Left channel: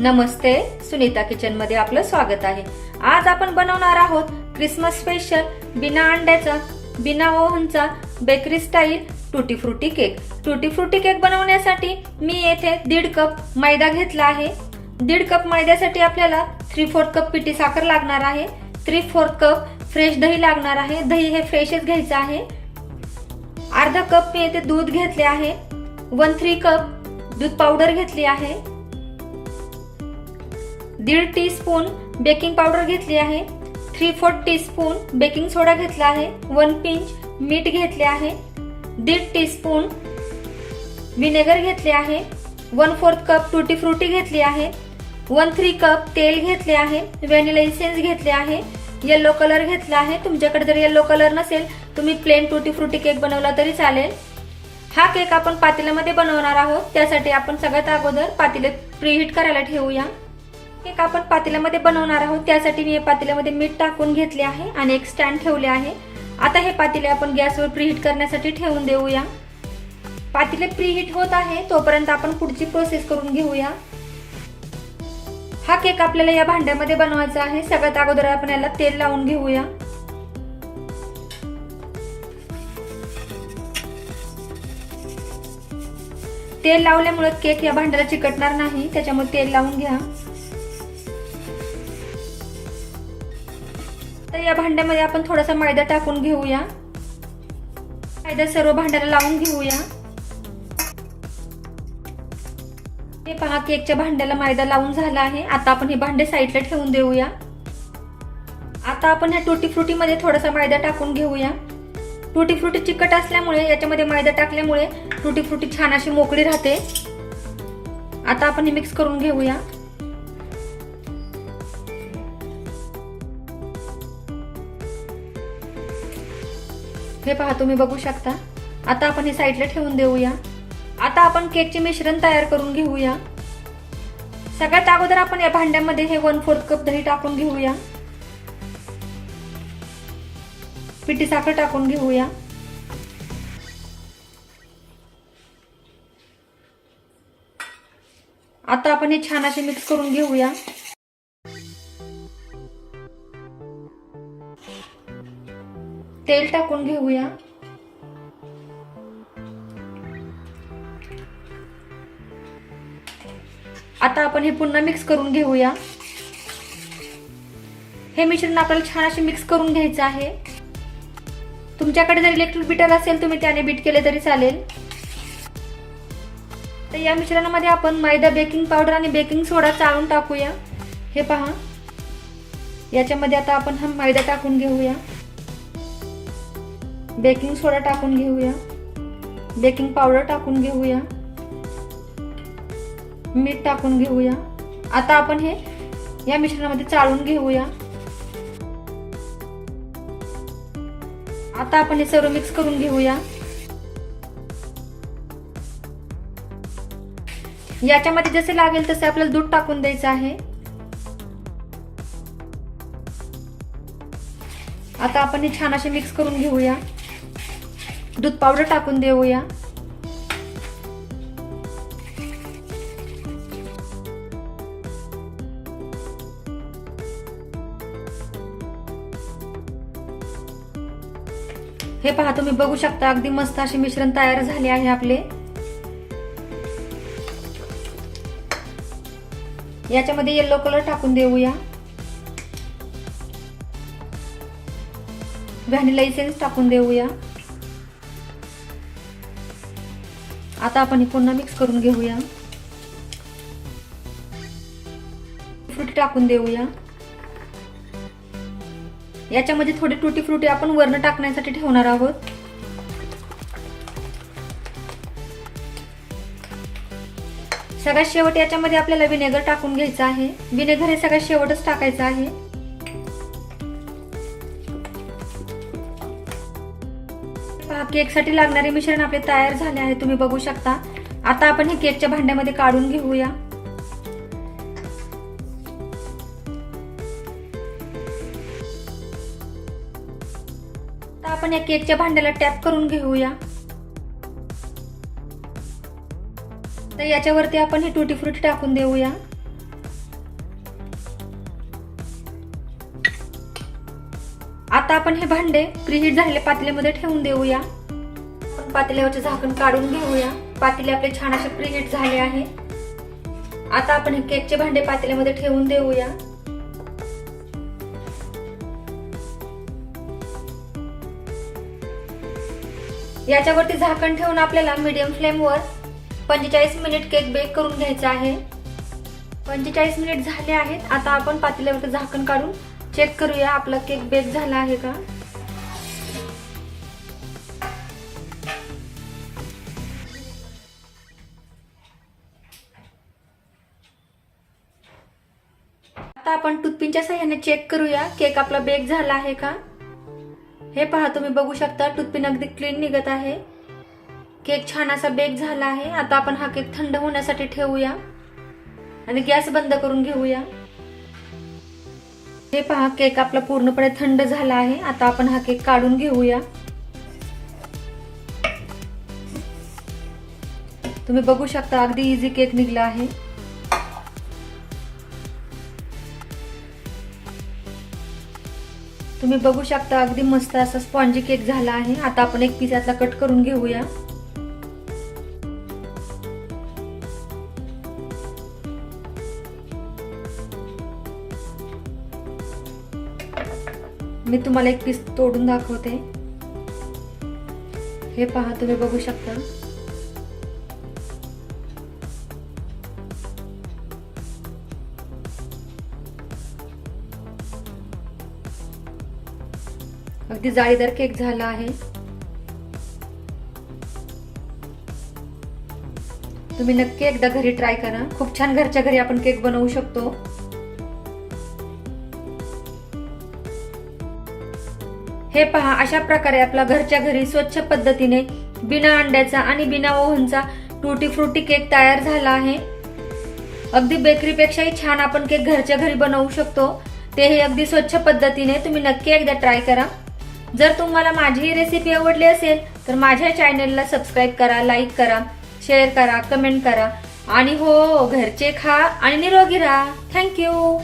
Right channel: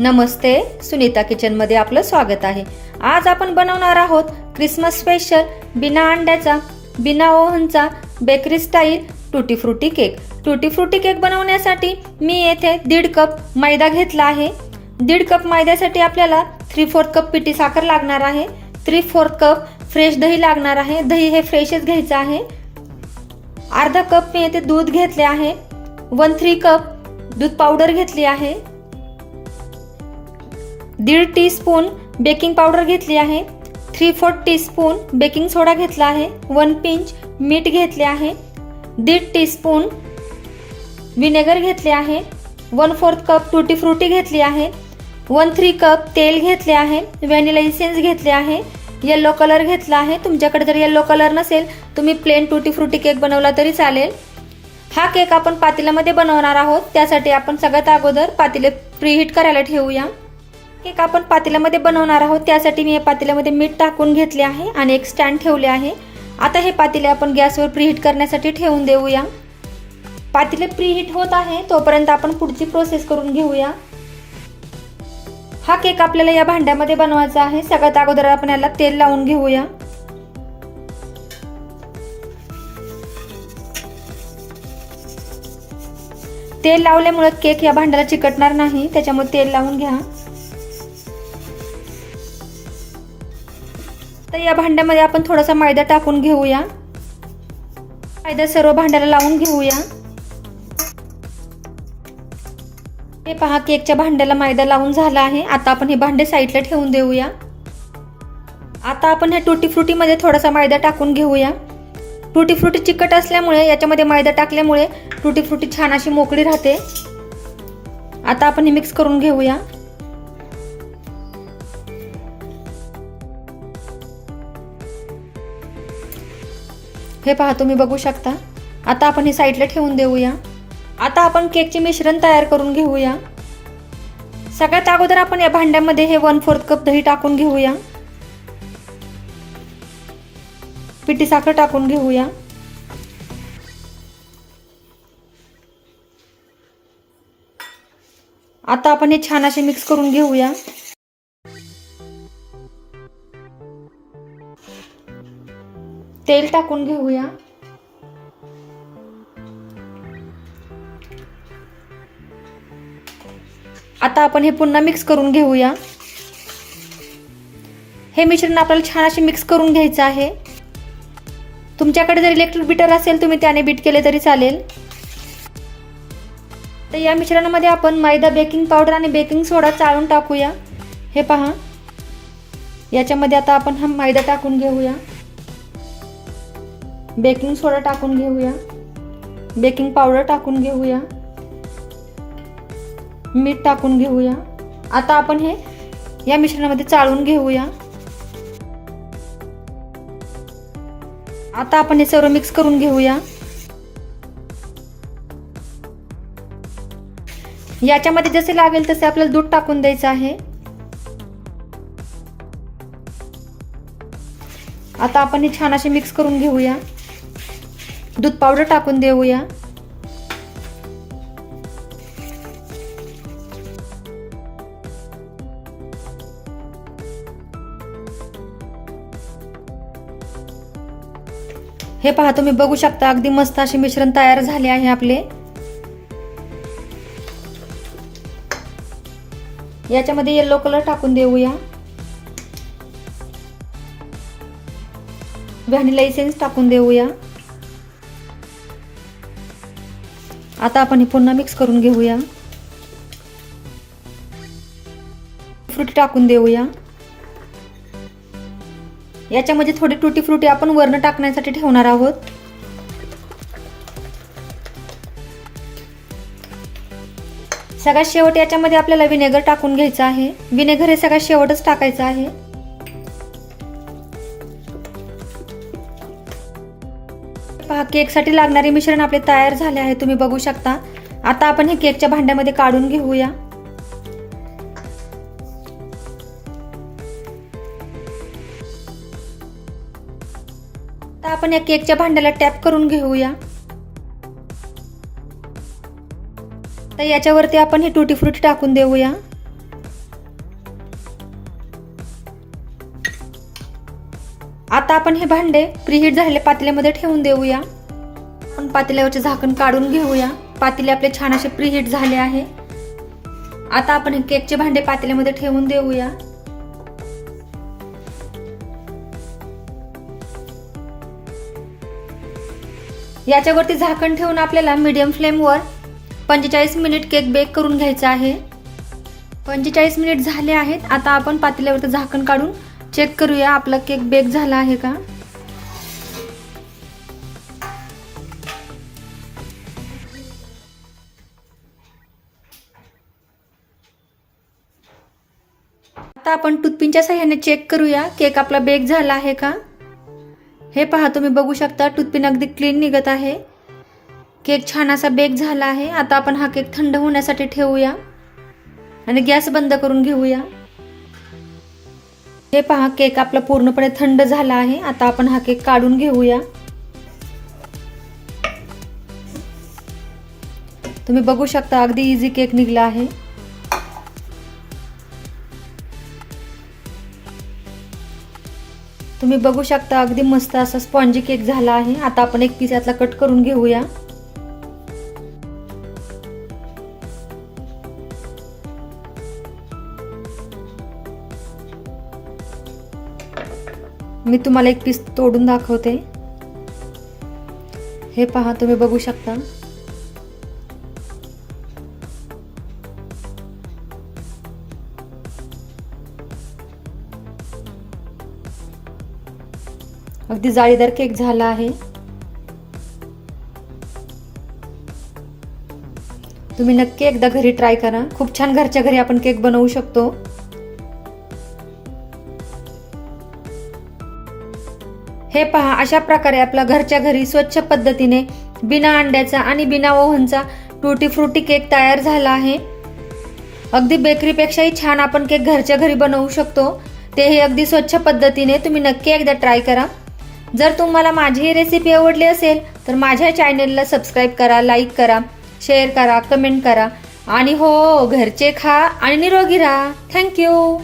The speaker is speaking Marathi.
नमस्ते सुनीता किचनमध्ये आपलं स्वागत आहे. आज आपण बनवणार आहोत क्रिसमस स्पेशल बिना अंड्याचा बिना ओव्हनचा bakery style tutti frutti cake. Tutti frutti cake बनवण्यासाठी मी येथे दीड कप मैदा घेतला आहे. दीड कप मैद्यासाठी आपल्याला थ्री फोर्थ कप पिठी साखर लागणार आहे. थ्री फोर्थ कप फ्रेश दही लागणार आहे. दही हे फ्रेशच घ्यायचं आहे. अर्धा कप मी येथे दूध घेतले आहे. वन थ्री कप दूध पावडर घेतली आहे. दीड टी स्पून बेकिंग पावडर घेतली आहे. Three fourth teaspoon baking soda घेतला आहे. वन पिंच मीठ घेतले आहे. दीड टी स्पून विनेगर घेतले आहे. One fourth cup tutti frutti घेतली आहे. वन थ्री कप तेल घेतले आहे. व्हॅनिला इसेन्स घेतले आहे. येल्लो कलर घेतला आहे. तुमच्याकडे जर येल्लो कलर नसेल तुम्ही प्लेन टुटी फ्रुटी केक बनवला तरी चालेल. हा केक आपण पातेल्यामध्ये बनवणार आहोत. त्यासाठी आपण सगळ्यात अगोदर पातेले प्रीहीट करायला ठेवूया. केक आपण पातेल्यामध्ये बनवणार आहोत. त्यासाठी मी या पातेल्यामध्ये मीठ टाकून घेतले आहे आणि एक स्टँड ठेवले आहे. आता हे पातेले आपण गॅसवर प्रीहीट करण्यासाठी ठेवून देऊया. पातेले प्रीहीट होत आहे तोपर्यंत आपण पुढची प्रोसेस करून घेऊया. हा केक आपल्याला या भांड्यामध्ये बनवायचा आहे. सगळ्यात अगोदर आपण याला तेल लावून घेऊया. तेल लावल्यामुळे केक या भांड्याला चिकटणार नाही त्याच्यामुळे तेल लावून घ्या. या भांड्यामध्ये आपण थोडासा मैदा टाकून घेऊया. मैदा सर्व भांड्याला लावून घेऊया. हे पहा केकच्या भांड्याला मैदा लावून झाला आहे. आता आपण हे भांडे साईडला ठेवून देऊया. आता आपण ह्या टुटी फ्रुटीमध्ये थोडासा मैदा टाकून घेऊया. टुटी फ्रुटी चिकट असल्यामुळे याच्यामध्ये मैदा टाकल्यामुळे टुटी फ्रुटी छान अशी मोकळी राहते. आता आपण हे मिक्स करून घेऊया. हे पहा तुम्ही बघू शकता. आता आपण हे साईडला ठेवून देऊया. आता आपण केकचे मिश्रण तयार करून घेऊया. सगळ्यात अगोदर आपण या भांड्यामध्ये हे वन फोर्थ कप दही टाकून घेऊया. पिठी साखर टाकून घेऊया. आता आपण हे छान असे मिक्स करून घेऊया. तेल टाकून घेऊया. आता आपण हे पुन्हा मिक्स करून घेऊया. हे मिश्रण आपल्याला छान असे मिक्स करून घ्यायचं आहे. तुमच्याकडे जर इलेक्ट्रिक बीटर असेल तुम्ही त्याने बीट केले तरी चालेल. तर या मिश्रणामध्ये आपण मैदा बेकिंग पावडर आणि बेकिंग सोडा चाळून टाकूया. हे पहा. याच्यामध्ये आता आपण हा मैदा टाकून घेऊया. बेकिंग सोडा टाकून घेऊया. बेकिंग पावडर टाकून घेऊया. मीठ टाकून घेऊया. आता आपण हे या मिश्रणामध्ये चाळून घेऊया. आता आपण हे सर्व मिक्स करून घेऊया. याच्यामध्ये जसे लागेल तसे आपल्याला दूध टाकून द्यायचं आहे. आता आपण हे छान असे मिक्स करून घेऊया. दूध पावडर टाकून देऊया. हे पहा तुम्ही बघू शकता अगदी मस्त असे मिश्रण तयार झाले आहे आपले. याच्यामध्ये येल्लो कलर टाकून देऊया. व्हॅनिला इसेन्स टाकून देऊया. आता आपण हे पुन्हा मिक्स करून घेऊया. फ्रुटी टाकून देऊया. याच्यामध्ये थोडी टुटी फ्रुटी आपण वरण टाकण्यासाठी ठेवणार आहोत. सगळ्यात शेवट याच्यामध्ये आपल्याला विनेगर टाकून घ्यायचं आहे. विनेगर हे सगळ्यात शेवटच टाकायचं आहे. केकसाठी लागणारे मिश्रण आपले तयार झाले आहे तुम्ही बघू शकता. आता आपण हे केकच्या भांड्यामध्ये काढून घेऊया. आपण या केकच्या भांड्याला टॅप करून घेऊया. तर याच्यावरती आपण हे टुटी फ्रुटी टाकून देऊया. आता आपण हे भांडे प्रीहीट झालेल्या पातेल्यामध्ये ठेवून देऊया. पातेल्यावरचे झाकण काढून घेऊया. पातेले आपले छान असे प्रीहीट झाले आहे. आता आपण हे केकचे भांडे पातेल्यामध्ये ठेवून देऊया. याच्यावरती झाकण ठेवून आपल्याला मीडियम फ्लेमवर पंचेचाळीस मिनिट केक बेक करून घ्यायचा आहे. पंचेचाळीस मिनिट झाले आहेत. आता आपण पातेल्यावरती झाकण काढून चेक करूया आपला केक बेक झाला आहे का? आता आपण टूथपिनच्या सहाय्याने चेक करूया. केक आपला बेक झाला आहे का? हे पहा तुम्ही बघू शकता टूथपिन अगदी क्लीन निघत आहे. केक छान असा बेक झाला आहे. आता आपण हा केक थंड होण्यासाठी ठेवूया. आणि गॅस बंद करून घेऊया. हे पहा केक आपला पूर्णपणे थंड झाला आहे. आता आपण हा केक काढून घेऊया. तुम्ही बघू शकता अगदी इझी केक निघला आहे. तुम्ही बघू शकता अगदी मस्त असा स्पॉन्जी केक झाला आहे. आता आपण एक पीस यातला कट करून घेऊया. मी तुम्हाला एक पीस तोडून दाखवते. हे पहा तुम्ही बघू शकता. अगदी जाळीदार केक झाला आहे. तुम्ही नक्की एकदा घरी ट्राय करा. खूप छान घरच्या घरी आपण केक बनवू शकतो. हे पहा अशा प्रकारे आपला घरच्या घरी स्वच्छ पद्धतीने बिना अंड्याचा आणि बिना ओव्हनचा टुटी फ्रुटी केक तयार झाला आहे. अगदी बेकरीपेक्षाही छान आपण केक घरच्या घरी बनवू शकतो. तेही अगदी स्वच्छ पद्धतीने तुम्ही नक्की एकदा ट्राय करा. जर तुम्हाला माझी ही रेसिपी आवडली असेल तर माझ्या चॅनेलला सबस्क्राईब करा लाईक करा शेअर करा कमेंट करा. आणि हो घरचे खा आणि निरोगी राहा. थँक्यू